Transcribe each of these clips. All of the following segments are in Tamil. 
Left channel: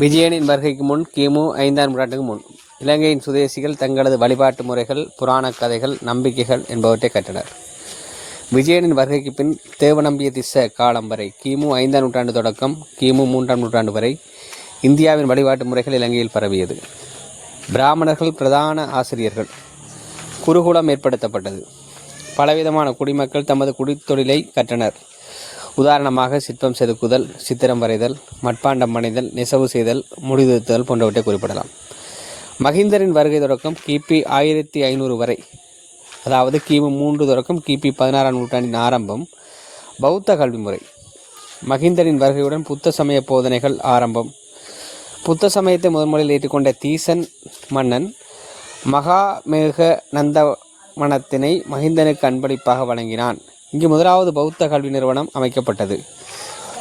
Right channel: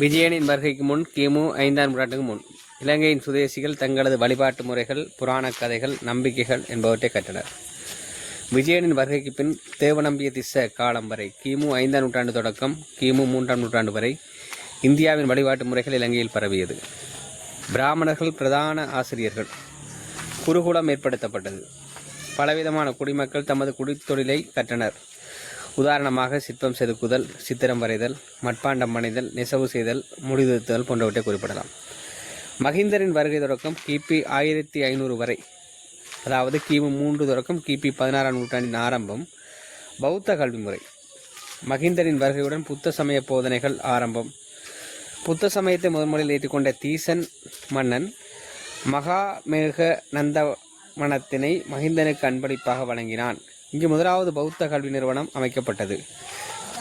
விஜயனின் வருகைக்கு முன் கிமு 5ஆம் நூற்றாண்டுக்கு முன் இலங்கையின் சுதேசிகள் தங்களது வழிபாட்டு முறைகள், புராணக் கதைகள், நம்பிக்கைகள் என்பவற்றை கற்றனர். விஜயனின் வருகைக்கு பின் தேவநம்பிய திஸ்ஸ காலம் வரை கிமு 5ஆம் நூற்றாண்டு தொடக்கம் கிமு 3ஆம் நூற்றாண்டு வரை இந்தியாவின் வழிபாட்டு முறைகள் இலங்கையில் பரவியது. பிராமணர்கள் பிரதான ஆசிரியர்கள். குருகுலம் ஏற்படுத்தப்பட்டது. பலவிதமான குடிமக்கள் தமது குடித்தொழிலை கற்றனர். உதாரணமாக சிற்பம் செதுக்குதல், சித்திரம் வரைதல், மட்பாண்டம் மணிதல், நெசவு செய்தல், முடிதிருத்தல் போன்றவற்றை குறிப்பிடலாம். மகிந்தரின் வருகை தொடக்கம் கிபி 1500 வரை, அதாவது கிமு 3 தொடக்கம் கிபி 16ஆம் நூற்றாண்டின் ஆரம்பம் பௌத்த கல்வி முறை. மகிந்தரின் வருகையுடன் புத்த சமய போதனைகள் ஆரம்பம். புத்த சமயத்தை முதன்முறையில் ஏற்றுக்கொண்ட தீசன் மன்னன் மகாமேக நந்தவனத்தினை மகிந்தனுக்கு அன்பளிப்பாக வழங்கினான். இங்கு முதலாவது பௌத்த கல்வி நிறுவனம் அமைக்கப்பட்டது.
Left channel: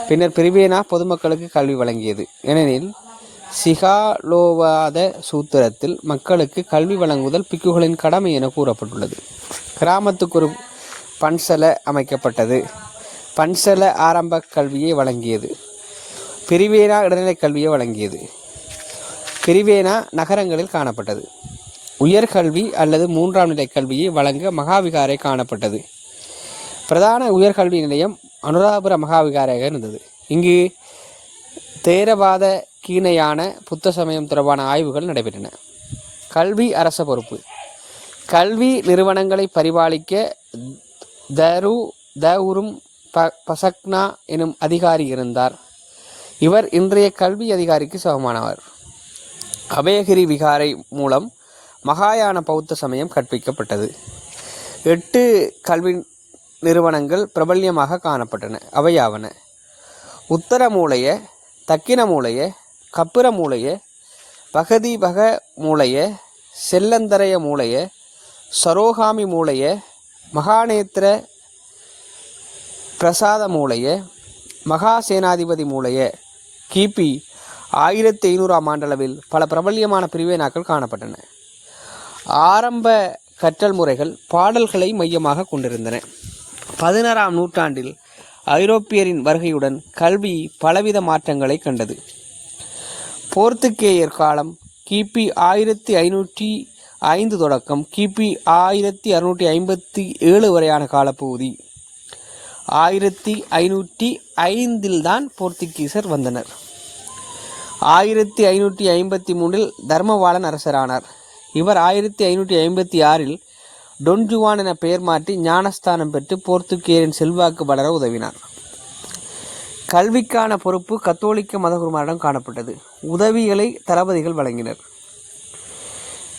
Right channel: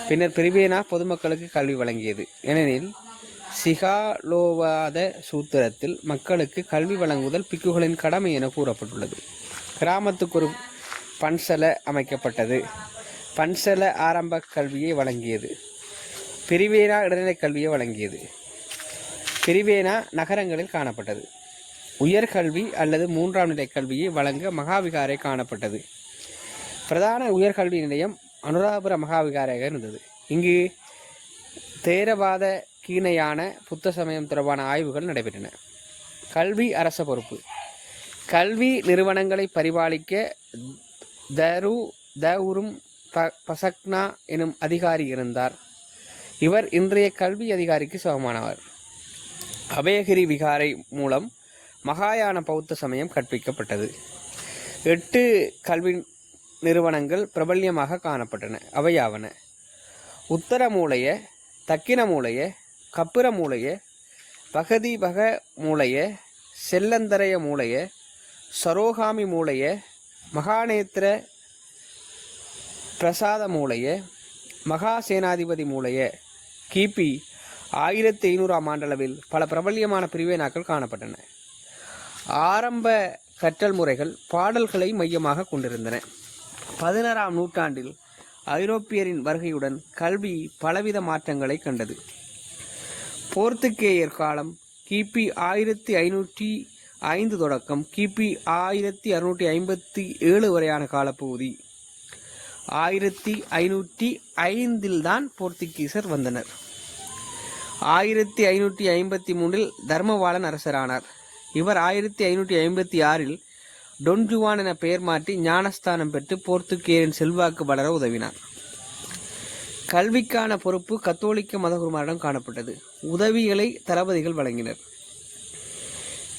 பின்னர் பிரிவேனா பொதுமக்களுக்கு கல்வி வழங்கியது. ஏனெனில் சிகாலோவாத சூத்திரத்தில் மக்களுக்கு கல்வி வழங்குதல் பிக்குகளின் கடமை என கூறப்பட்டுள்ளது. கிராமத்துக்கு ஒரு பன்சல அமைக்கப்பட்டது. பன்சல ஆரம்ப கல்வியை வழங்கியது. பிரிவேனா இடைநிலை கல்வியை வழங்கியது. பிரிவேனா நகரங்களில் காணப்பட்டது. உயர்கல்வி அல்லது 3ஆம் நிலை கல்வியை வழங்க மகாவிகாரை காணப்பட்டது. பிரதான உயர்கல்வி நிலையம் அனுராதபுர மகாவிகாரையாக இருந்தது. இங்கு தேரவாத கீணையான புத்த சமயம் தொடர்பான ஆய்வுகள் நடைபெற்றன. கல்வி அரச பொறுப்பு. கல்வி நிறுவனங்களை பரிபாலிக்க தவுரும் பசக்னா எனும் அதிகாரி இருந்தார். இவர் இன்றைய கல்வி அதிகாரிக்கு சமமானவர். அபயகிரி விகாரை மூலம் மகாயான பௌத்த சமயம் கற்பிக்கப்பட்டது. 8 கல்வி நிறுவனங்கள் பிரபல்யமாக காணப்பட்டன. அவையாவன: உத்தர மூலைய, தக்கின மூலைய, கப்புர மூலைய, பகதிபக மூலைய, செல்லந்தரைய மூலைய, சரோகாமி மூலைய, மகாநேத்திர பிரசாத மூலைய, மகாசேனாதிபதி மூலைய. கிபி 1500ஆம் ஆண்டளவில் பல பிரபல்யமான பிரிவேனாக்கள் காணப்பட்டன. ஆரம்ப கற்றல் முறைகள் பாடல்களை மையமாக கொண்டிருந்தன. 16ஆம் நூற்றாண்டில் ஐரோப்பியரின் வருகையுடன் கல்வி பலவித மாற்றங்களை கண்டது. போர்த்துகேயர் காலம் கிபி 1505 தொடக்கம் கிபி 1657 வரையான காலப்பகுதி. 1505 தான் போர்த்துகீசர் வந்தனர். 1553 தர்மவாளன் அரசரானார். இவர் 1556 டொன்ஜுவான் என பெயர் மாற்றி ஞானஸ்தானம் பெற்று போர்த்துகேயரின் செல்வாக்கு வளர உதவினார். கல்விக்கான பொறுப்பு கத்தோலிக்க மதகுருமாரிடம் காணப்பட்டது. உதவிகளை தளபதிகள் வழங்கினர்.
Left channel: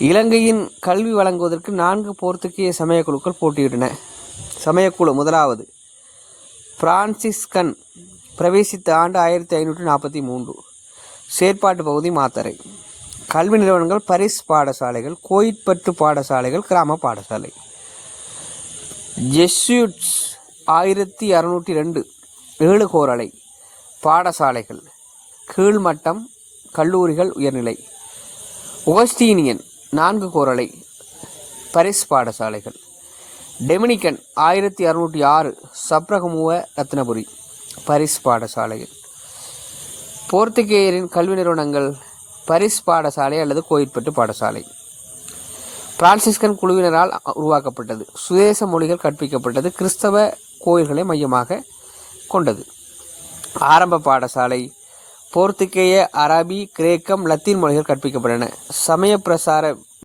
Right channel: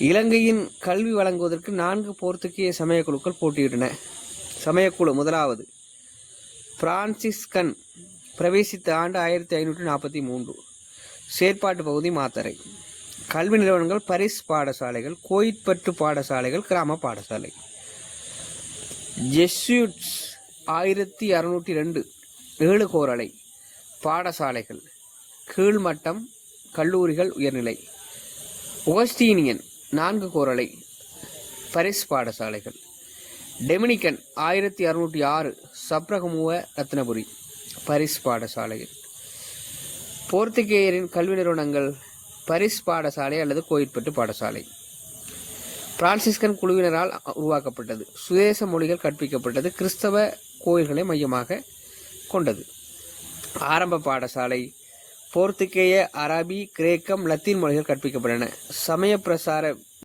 இலங்கையின் கல்வி வழங்குவதற்கு 4 போர்த்துகேய சமயக்குழுக்கள் போட்டியிட்டன. சமயக்குழு முதலாவது பிரான்சிஸ்கன், பிரவேசித்த ஆண்டு 1543. செயற்பாட்டு பகுதி மாத்தறை. கல்வி நிறுவனங்கள் பரிஸ் பாடசாலைகள், கோயிற்பற்று பாடசாலைகள், கிராம பாடசாலை. ஜெஸ்யூட்ஸ் 1602 7 கோரளை பாடசாலைகள், கீழ்மட்டம் கல்லூரிகள், உயர்நிலை. ஒகஸ்டீனியன் 4 கோரளை பரிஸ் பாடசாலைகள். டெமினிக்கன் 1606 சப்ரகமுவ ரத்னபுரி பரிஸ் பாடசாலைகள். போர்த்துகேயரின் கல்வி நிறுவனங்கள் பரிஸ் பாடசாலை அல்லது கோயிற்பட்டு பாடசாலை. பிரான்சிஸ்கன் குழுவினரால் உருவாக்கப்பட்டது. சுதேச மொழிகள் கற்பிக்கப்பட்டது. கிறிஸ்தவ கோயில்களை மையமாக கொண்டது. ஆரம்ப பாடசாலை. போர்த்துகேய, அரபி, கிரேக்கம், லத்தீன் மொழிகள் கற்பிக்கப்பட்டன. சமய பிரசார